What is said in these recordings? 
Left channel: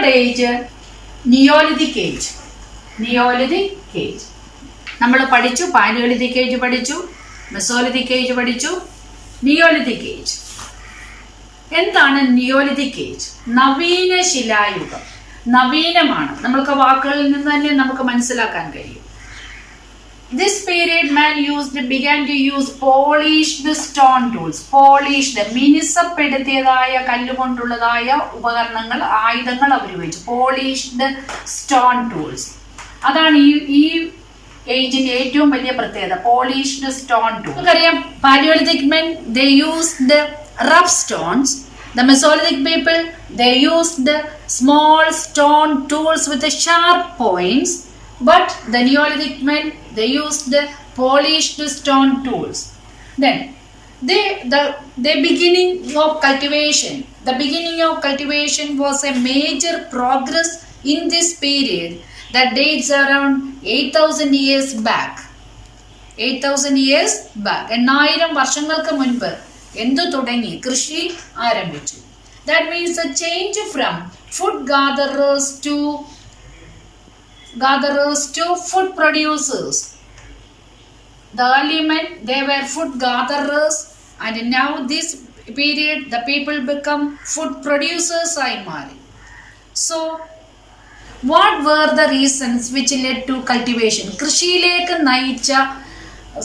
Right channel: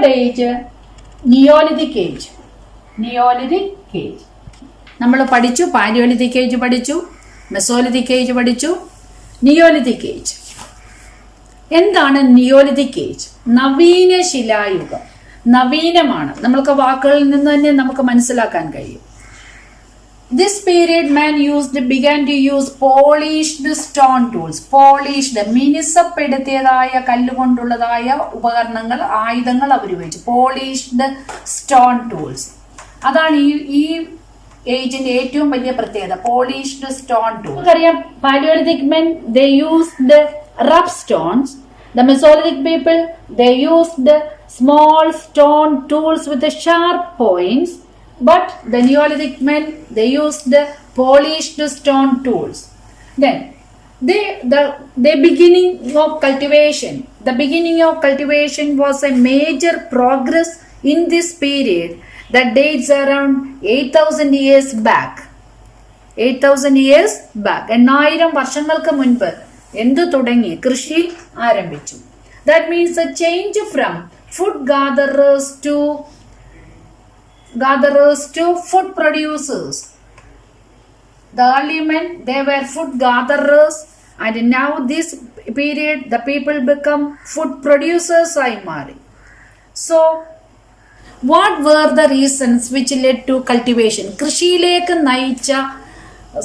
third age, Neolithic age. Neolithic age. നമ്മൾ പഠിച്ചു, Palaeolithic age പഠിച്ചു, മെസോലിത്തിക് ഏജ് പഠിച്ചു, നിയോലിത്തിക് ഏജ്. എന്താണ് നിയോലിത്തിക് ഏജ്? നവീന ശിലായുഗം. നവീനമാണ്. നമ്മൾക്ക് വാക്കുകളിൽ നിന്ന് തന്നെ നമുക്ക് മനസ്സിലാക്കാൻ കഴിയും. This period man began to use polished stone tools. Polished, മിനുസപ്പെടുത്തിയതായ കല്ലുകൊണ്ടുള്ളതായ ഉപകരണങ്ങൾ, ആയുധങ്ങൾ അവർ ഉപയോഗിച്ചു. Polished stone tools. അതാണ് ഈ ഏജിന്റെ ഏറ്റവും വലിയ പ്രത്യേകത. Polished stone tool. നമുക്കറിയാം, Palaeolithic men they used rough stones. The Mesolithic people they used small stone tools with the sharp points. But the Neolithic men they used polished stone tools. Then the beginning of cultivation. The beginning of cultivation was a major progress in this period that dates around 8,000 years back. 8,000 years back. 8,000 വർഷങ്ങൾക്ക് മുൻപ് എന്തു തുടങ്ങി? കൃഷി ആരംഭിച്ചു. That means a change from food gatherers to food producers. The early men they were food gatherers, and now this period the people become food producers ആയി മാറി. So what were the reasons which led to cultivation? കൃഷിയിലേക്ക് നയിച്ച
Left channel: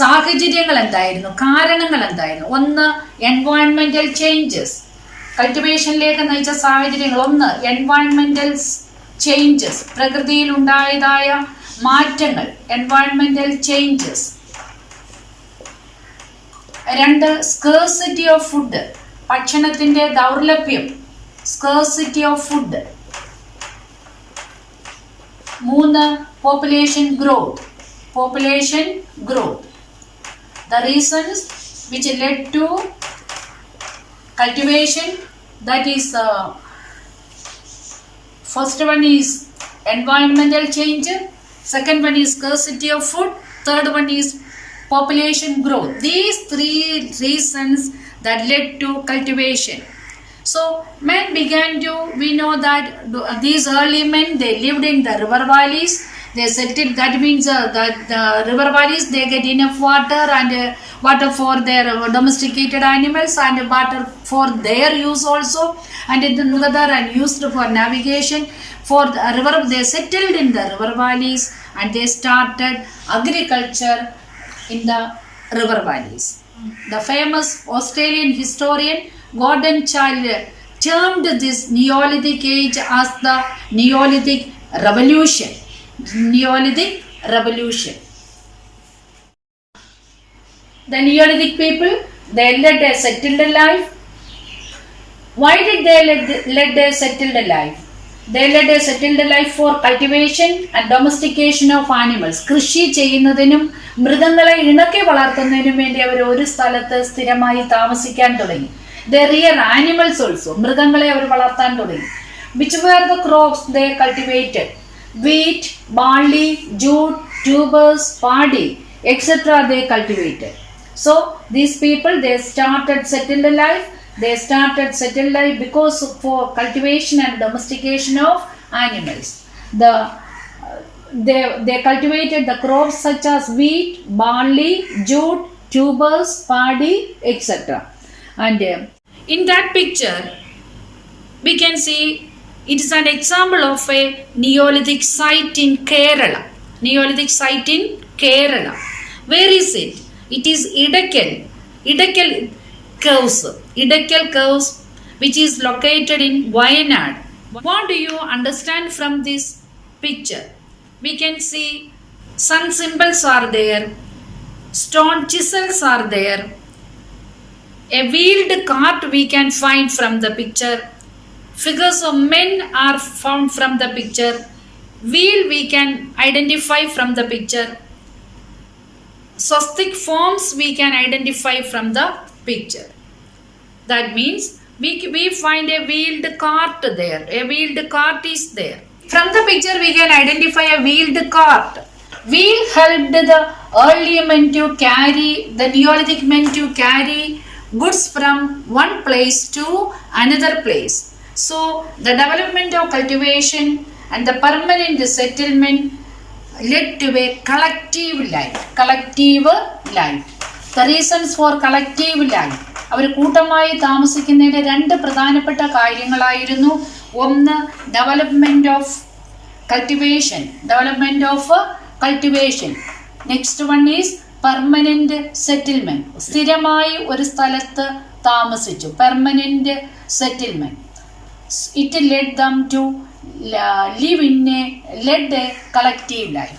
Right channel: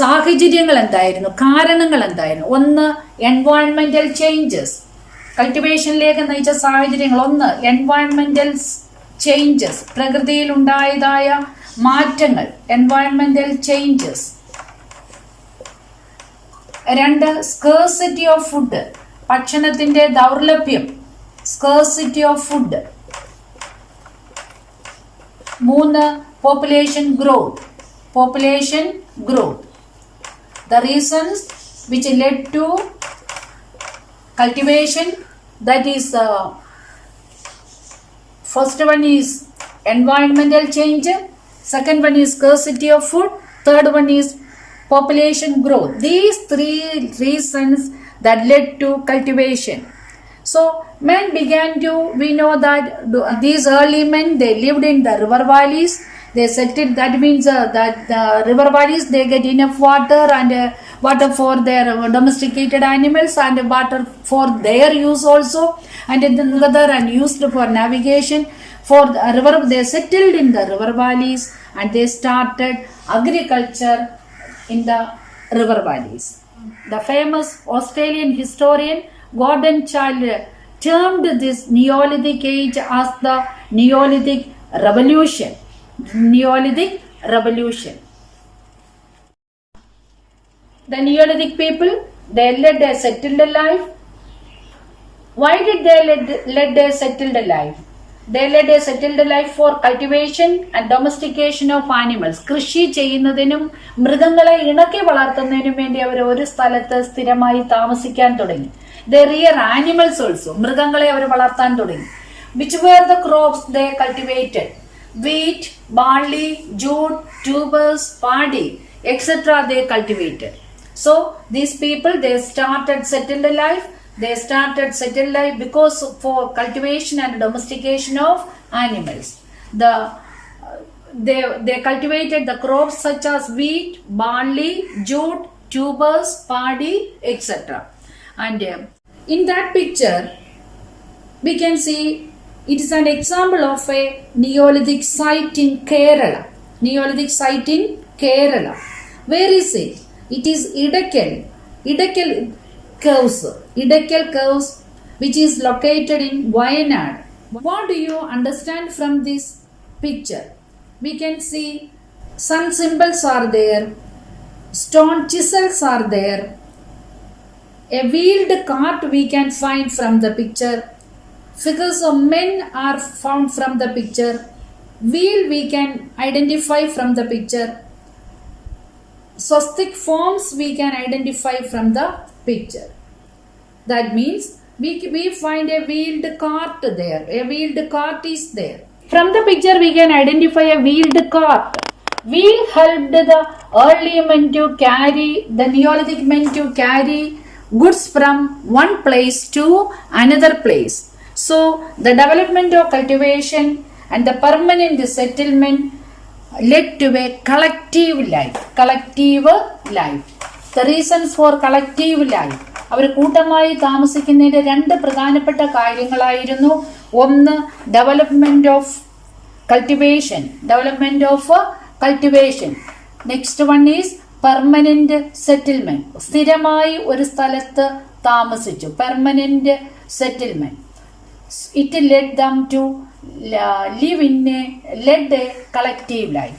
സാഹചര്യങ്ങൾ എന്തായിരുന്നു? കാരണങ്ങൾ എന്തായിരുന്നു? ഒന്ന്, എൻവയോൺമെന്റൽ ചേഞ്ചസ്. കൾട്ടിവേഷനിലേക്ക് നയിച്ച സാഹചര്യങ്ങൾ. ഒന്ന്, എൻവയോൺമെന്റൽ ചേഞ്ചസ്, പ്രകൃതിയിൽ ഉണ്ടായതായ മാറ്റങ്ങൾ, എൻവയോൺമെന്റൽ ചേഞ്ചസ്. രണ്ട്, സ്കേഴ്സിറ്റി ഓഫ് ഫുഡ്, ഭക്ഷണത്തിന്റെ ദൗർലഭ്യം, സ്കേഴ്സിറ്റി ഓഫ് ഫുഡ്. മൂന്ന്, population growth. Population growth. The reasons which led to cultivation, that is first one is environmental change, second one is scarcity of food, third one is population growth. These three reasons that led to cultivation. So men began to, we know that these early men they lived in the river valleys. They settled, that means that the river valleys they get enough water, and water for their domesticated animals, and water for their use also, and together and used for navigation. For the river, they settled in the river valleys and they started agriculture in the river valleys. The famous Australian historian Gordon Childe termed this Neolithic age as the Neolithic Revolution. Neolithic Revolution. The Neolithic people they led a settled life. Why did they lead a settled life? They led a settled life for cultivation and domestication of animals. കൃഷി ചെയ്യുന്നതിനും മൃഗങ്ങളെ ഇണക്കി വളർത്തുന്നതിനും വേണ്ടി അവർ ഒരു സ്ഥലത്ത് സ്ഥിരമായി താമസിക്കാൻ തുടങ്ങി. They rear animals also. മൃഗങ്ങളെ അവർ വളർത്താൻ തുടങ്ങി. Which were the crops they cultivated? Wheat, barley, jute, tubers, paddy, etc. they cultivated. So these people they started settled life. They started settled life because for cultivation and domestication of animals. They cultivated the crops such as wheat, barley, jute, tubers, paddy, etc. And in that picture we can see it is an example of a Neolithic site in Kerala. Neolithic site in Kerala. Where is it? It is Idakal Caves, which is located in Wayanad. What do you understand from this picture? We can see sun symbols are there, stone chisels are there, a wheeled cart we can find from the picture. Figures of men are found from the picture. Wheel we can identify from the picture. Swastik forms we can identify from the picture. That means we find a wheeled cart there. A wheeled cart is there. From the picture we can identify a wheeled cart. Wheel helped the early men to carry, the Neolithic men to carry goods from one place to another place. So the development of cultivation and the permanent settlement led to a collective life. The reasons for collective life, അവർ കൂട്ടമായി താമസിക്കുന്നതിൻ്റെ രണ്ട് പ്രധാനപ്പെട്ട കാര്യങ്ങളായിരുന്നു. ഒന്ന്, development of cultivation. Next one is permanent settlement. സ്ഥിരമായി ഒരു സ്ഥലത്ത് താമസിച്ചു, permanent settlement. It led them to live in a collective life.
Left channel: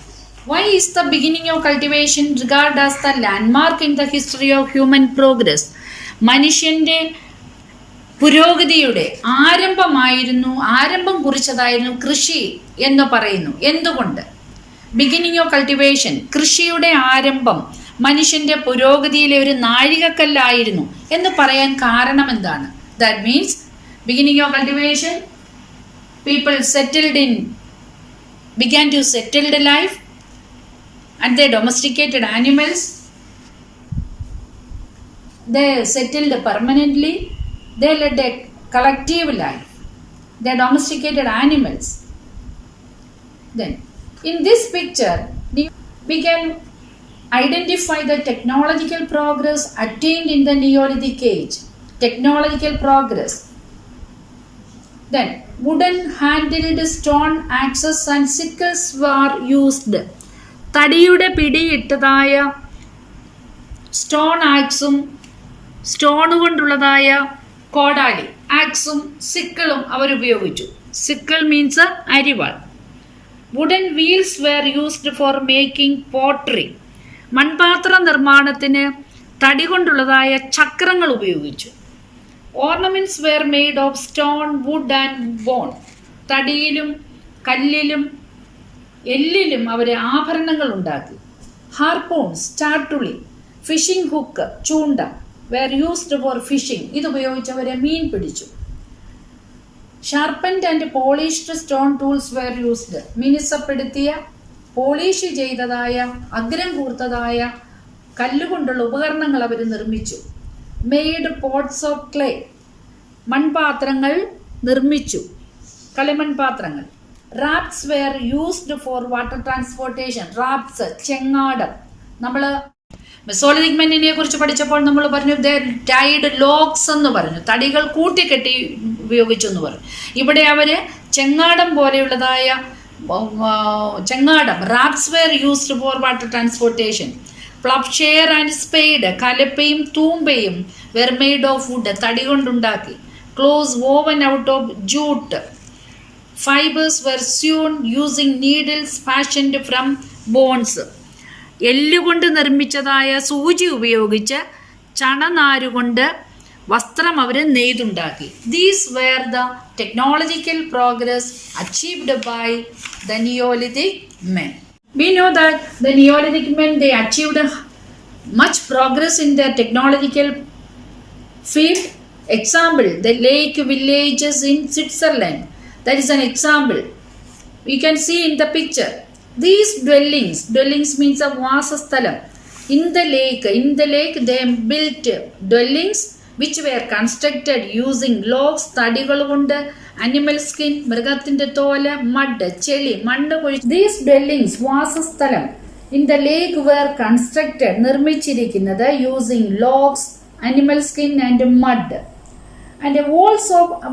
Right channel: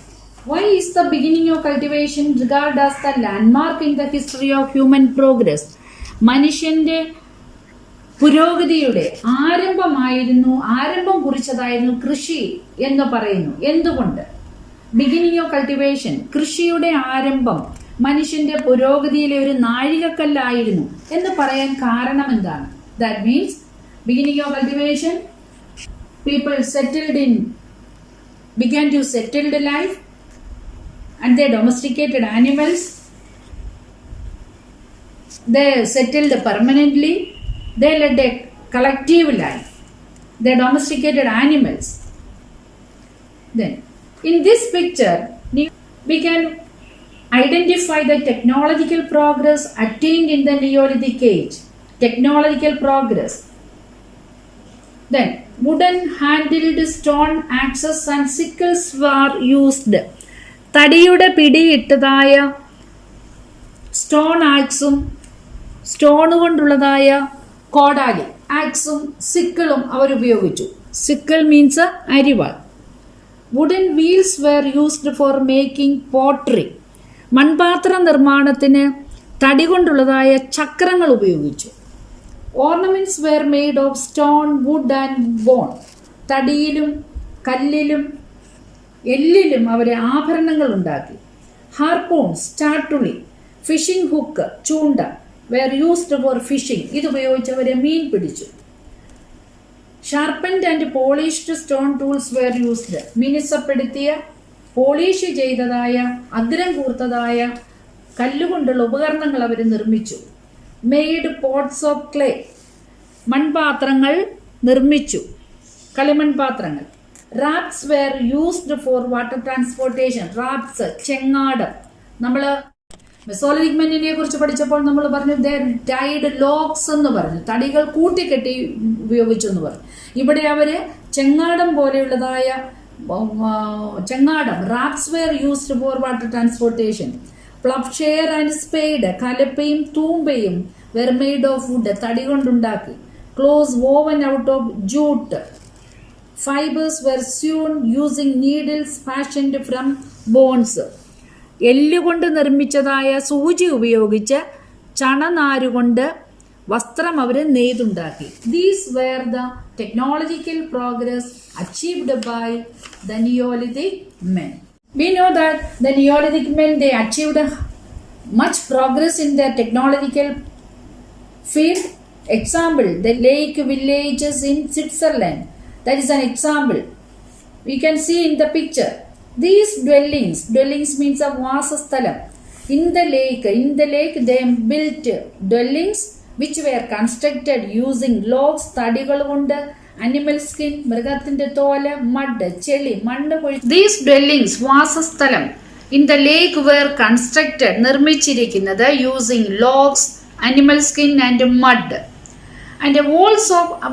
Why is the beginning of cultivation regarded as the landmark in the history of human progress? മനുഷ്യൻ്റെ പുരോഗതിയുടെ ആരംഭം കുറിച്ചതായിരുന്നു കൃഷി എന്ന് പറയുന്നു. എന്തുകൊണ്ട്? ബിഗിനിങ് ഓഫ് കൾട്ടിവേഷൻ, കൃഷിയുടെ ആരംഭം മനുഷ്യൻ്റെ പുരോഗതിയിലെ ഒരു നാഴികക്കല്ലായിരുന്നു എന്ന് പറയാൻ കാരണം എന്താണ്? That means beginning of cultivation, people began to settle the life, and they domesticated animals. They settled permanently. They led a collective life. They domesticated animals. Then in this picture we can identify the technological progress attained in the Neolithic age. Technological progress. Then wooden handled stone axes and sickles were used. തടിയുടെ പിടിയിട്ടതായ സ്റ്റോൺ ആക്സും stone കൊണ്ടുള്ളതായ കോടാലി, ആക്സും സിക്കിളും അവരുപയോഗിച്ചു. Sickle means അരിവാൾ. Wooden wheels were used for making pottery. മൺപാത്ര നിർമ്മാണത്തിന് തടി കൊണ്ടുള്ളതായ ചക്രങ്ങൾ ഉപയോഗിച്ചു. Ornaments were made of stone, wood and bone. തടിയിലും കല്ലിലും എല്ലിലും അവർ ആഭരണങ്ങൾ ഉണ്ടാക്കി. ഹാർപൂൺസ്, ചാട്ടുളി, ഫിഷിംഗ് ഹുക്ക്, ചൂണ്ട, വെയർ യൂസ്ഡ് ഫോർ ഫിഷിംഗ്. ഇതുപയോഗിച്ച് അവരെ മീൻ പിടിച്ചു. Sharpened and polished stone tools were used. മിനുസപ്പെടുത്തിയ, പോളിഷ് ചെയ്തതായ, അഗ്രം കൂർത്തതായ കല്ലുകൊണ്ടുള്ള ഉപകരണങ്ങൾ അവർ നിർമ്മിച്ചു. Made pots of clay. മൺപാത്രങ്ങൾ നിർമ്മിച്ചു, കളിമൺപാത്രങ്ങൾ. Rafts were used for water transportation. Rafts, ചെങ്ങാടം. നമ്മൾ മെസോലിത്തിക് മെന്നിനെ കുറിച്ച് പഠിച്ചപ്പോൾ നമ്മൾ പറഞ്ഞു ടൈഡ് ലോക്സ് എന്ന് പറഞ്ഞു, തടികൾ കൂട്ടിക്കെട്ടി ഉപയോഗിച്ചു എന്ന് പറഞ്ഞു. ഇവിടെ അവർ ചെങ്ങാടം പോലെയുള്ളതായ ചെങ്ങാടം, rafts were used for water transportation. Ploughshare and spade, കലപ്പയും തൂമ്പയും വെർ മെയ്ഡ് ഓഫ് വുഡ്, തടി കൊണ്ടുണ്ടാക്കി. Cloths woven out of jute. Fibres were sewn using needles fashioned from bones. എല്ലുകൊണ്ട് നിർമ്മിച്ചതായ സൂചി ഉപയോഗിച്ച് ചണനാരുകൊണ്ട് വസ്ത്രം അവർ നെയ്തുണ്ടാക്കി. These were the technological progress achieved by the neolithic men. We know that the Neolithic men, they achieved much progress in their technological field. Example, the lake villages in Switzerland. That is an example. We can see in the picture. These dwellings means a vasasthalam. In the lake they built dwellings which were constructed using logs, തടികൾ കൊണ്ട്, animal skin, മൃഗത്തിൻ്റെ തോല്, മഡ്, ചെളി, മണ്ണ് കൊഴി. These dwellings, വാസസ്ഥലം, in the lake were constructed, നിർമ്മിച്ചിരിക്കുന്നത് using logs, animal skin and mud. And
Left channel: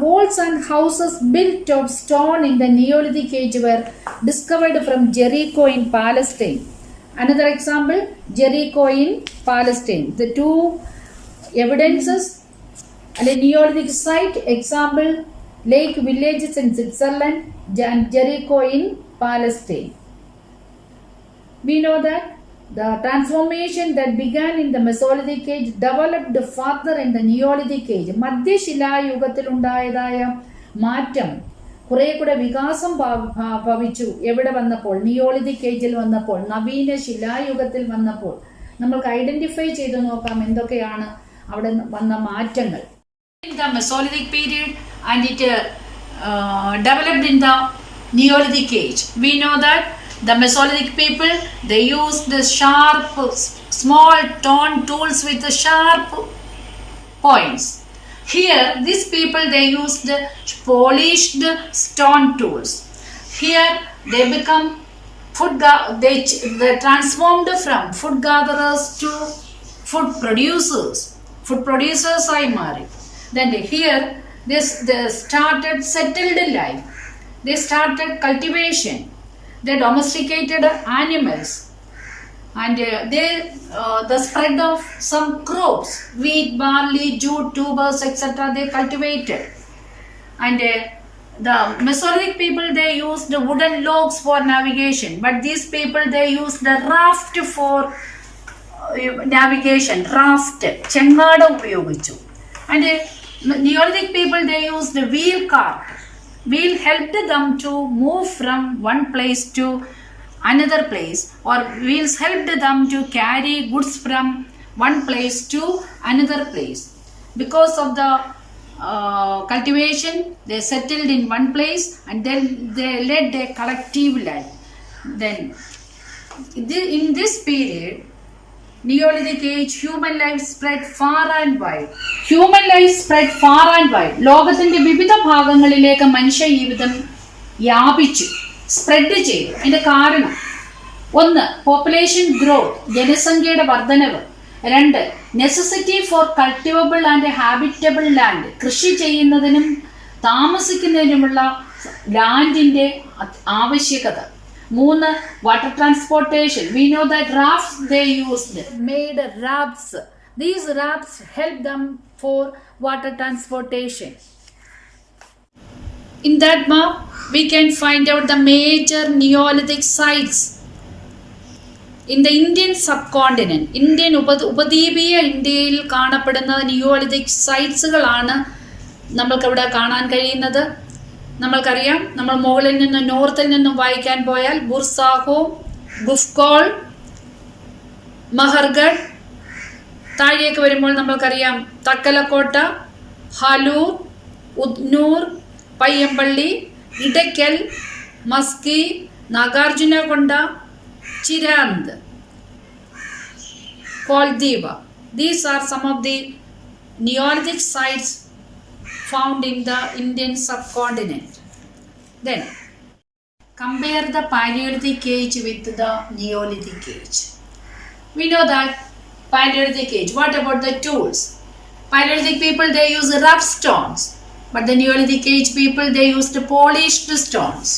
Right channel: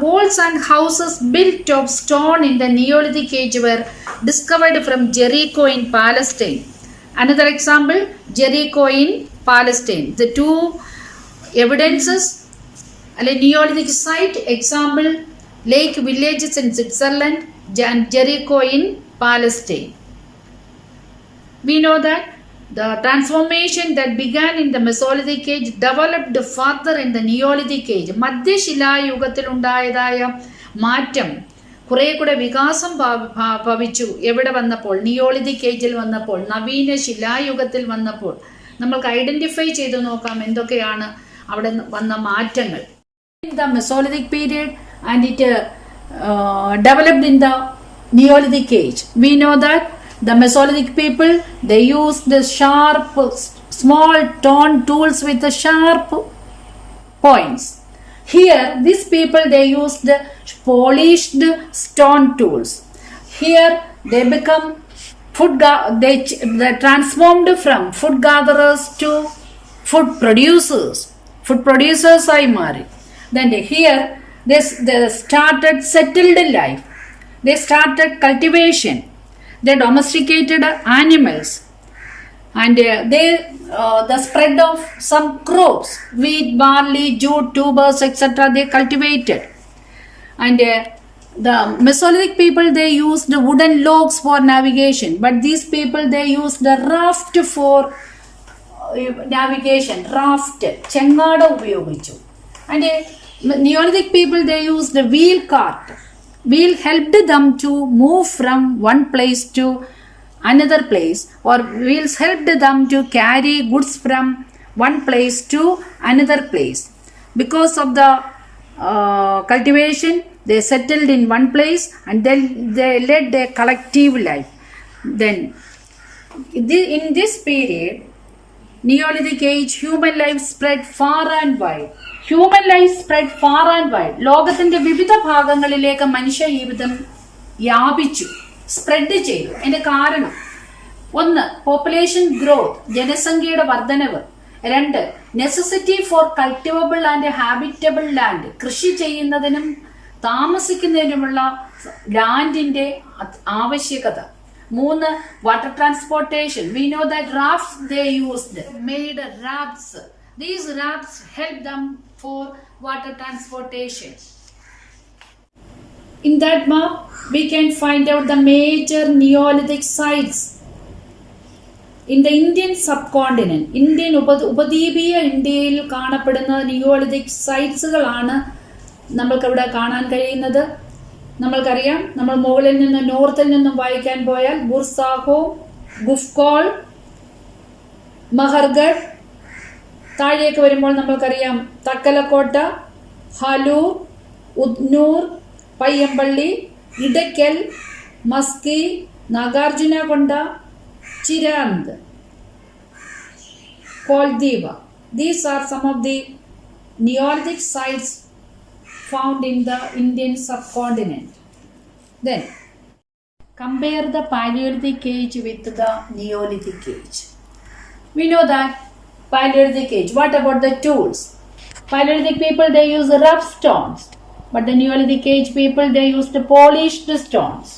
walls and houses built of stone in the Neolithic age were discovered from Jericho in Palestine. Another example, Jericho in Palestine. The two evidences, Neolithic site, example, lake villages in Switzerland and Jericho in Palestine. We know that the transformation that began in the Mesolithic age developed further in the Neolithic age. മധ്യശിലായുഗത്തിൽ ഉണ്ടായതായ മാറ്റം കുറെ കൂടെ വികാസം ഭവിച്ചു. എവിടെ വന്നപ്പോൾ? നിയോളിതിക് ഏജിൽ വന്നപ്പോൾ, നവീന ശിലായുഗത്തിൽ വന്നപ്പോൾ. നമ്മൾക്ക് ഐഡന്റിഫൈ ചെയ്ത് നോക്കാം എന്തൊക്കെയാണ് അവിടെ വന്ന മാറ്റങ്ങൾ. In the Mesolithic period and it developed in the Neolithic age. We know that the Mesolithic people, they used the sharp, small stone tools with the sharp points. Here, these people, they used polished stone tools. Here, they become they transformed from food gatherers to food producers. Food producers ആയി മാറി. Then here, they started settled life. They started cultivation. They domesticated animals. And the spread of some crops, wheat, barley, jute, tubers, etc. they cultivated. And the Mesolithic people, they used wooden logs for navigation, but these people, they used the raft for navigation. Raft, chengada ഉപയോഗിച്ചു. And Neolithic people, they used the wheel cart. Wheel helped them to move from one place to another place, or wheels helped them to carry goods from one place to another place. Because of the cultivation, they settled in one place and then they led a collective life. Then in this period, Neolithic age, human life spread far and wide. Human life spread far and wide. ലോകത്തിന്റെ വിവിധ ഭാഗങ്ങളിലേക്ക് മനുഷ്യ ജീവിതം വ്യാപിച്ചു, സ്പ്രെഡ് ചെയ്തു. അതിന്റെ കാരണം ഒന്ന്, പോപ്പുലേഷൻ ഗ്രോത്ത്, ജനസംഖ്യയുടെ വർധനവ്. രണ്ട്, necessity for cultivable and habitable land, കൃഷി ചെയ്യുന്നതിനും താമസിക്കുന്നതിനുമുള്ള ലാൻഡിന്റെ ആവശ്യകത. മൂന്ന്, water transportation. We know that rafts they used, made rafts. These rafts help them for water transportation. In that map, we can find out the major Neolithic sites in the Indian subcontinent. Indian ഉപദ്വീപീയ ഇന്ത്യയിൽ കാണപ്പെടുന്ന നിയോളിതിക് സൈറ്റ്സുകളാണ് നമ്മൾക്കവിടെ കാണാൻ കഴിയുന്നത്. നമ്മൾക്കറിയാം, നമ്മൾ മുകളിൽ നിന്നും നോർത്തിൽ നിന്നും വായിക്കാൻ പോയാൽ ബുർസാഹോ, ഗുഫ്കോൾ, മഹർഗഡ്. താഴേക്ക് വരുമ്പോൾ നമ്മൾക്കറിയാം തക്കലക്കോട്ട, ഹാലൂർ, ഉദ്നൂർ, പയ്യമ്പള്ളി, ഇടയ്ക്കൽ, മസ്കി, നാഗാർജുനകൊണ്ട, ചിരാന്ത്, കോൾദീവ. These are some of the Neolithic sites found in the Indian subcontinent. Then, compare the Paleolithic age with the Neolithic age. We know that Paleolithic age. What about the tools? Paleolithic people, they use rough stones, but the Neolithic age people, they used polished stones.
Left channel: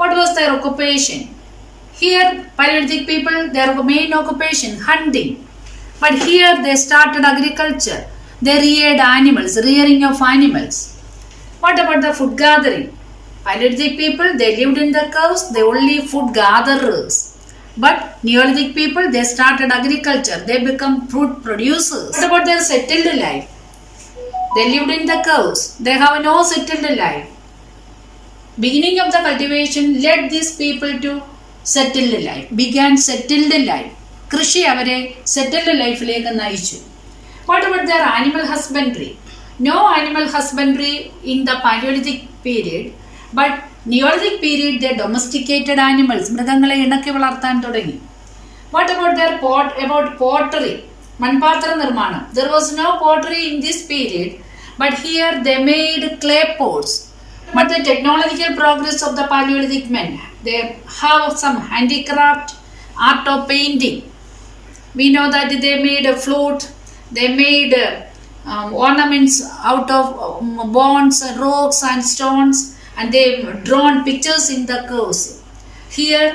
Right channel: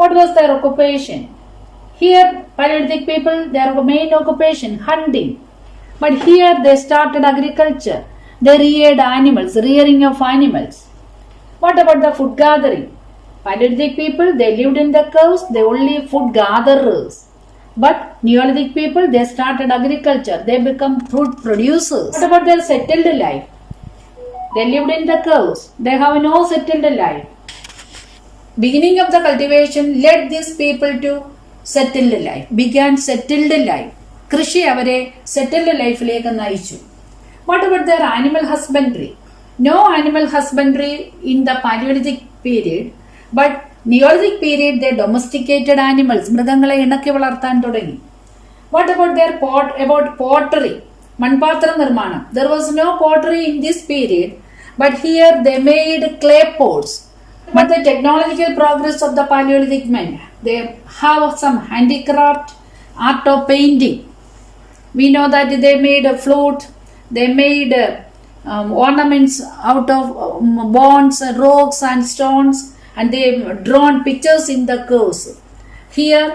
What was their occupation? Here, Paleolithic people, their main occupation, hunting. But here, they started agriculture. They reared animals, rearing of animals. What about the food gathering? Paleolithic people, they lived in the cows, they only food gatherers. But Neolithic people, they started agriculture, they become food producers. What about their settled life? They lived in the cows, they have no settled life. Beginning of the cultivation led these people to settled life, began settled life. കൃഷി അവരെ സെറ്റിൽഡ് ലൈഫിലേക്ക് നയിച്ചു. What about their animal husbandry? No animal husbandry in the Paleolithic period, but Neolithic period they domesticated animals. മൃഗങ്ങളെ ഇണക്കി വളർത്താൻ തുടങ്ങി. What about their pottery? മൺപാത്ര നിർമ്മാണം. There was no pottery in this period, but here they made clay pots. But the technological progress of the Paleolithic men, they have some handicraft, art of painting. We know that they made a flute. They made ornaments out of bones, rocks and stones, and they drawn pictures in the curves. Here,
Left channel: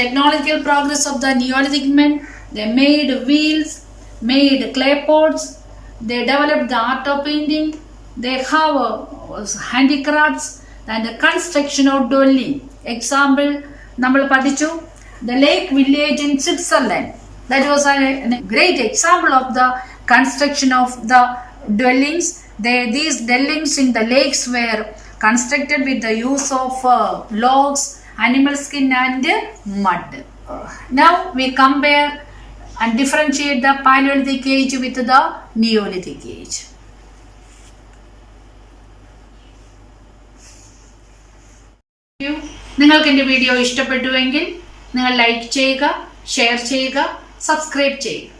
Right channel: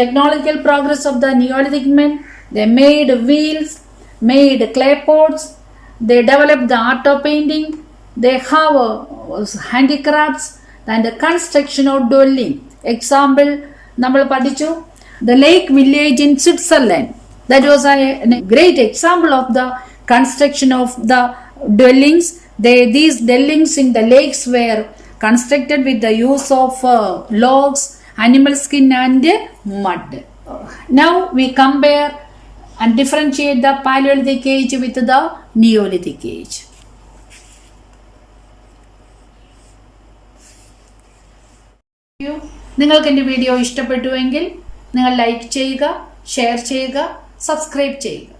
technological progress of the Neolithic men, they made wheels, made clay pots, they developed the art of painting, they have handicrafts and the construction of dwelling. Example, നമ്മൾ പഠിച്ചു the lake village in Switzerland. That was a great example of the construction of the dwellings. These dwellings in the lakes were constructed with the use of logs, animal skin and mud. Now we compare and differentiate the Paleolithic age with the Neolithic age. നിങ്ങൾക്ക് എൻ്റെ വീഡിയോ ഇഷ്ടപ്പെട്ടുവെങ്കിൽ നിങ്ങൾ ലൈക്ക് ചെയ്യുക, ഷെയർ ചെയ്യുക, സബ്സ്ക്രൈബ് ചെയ്യുക.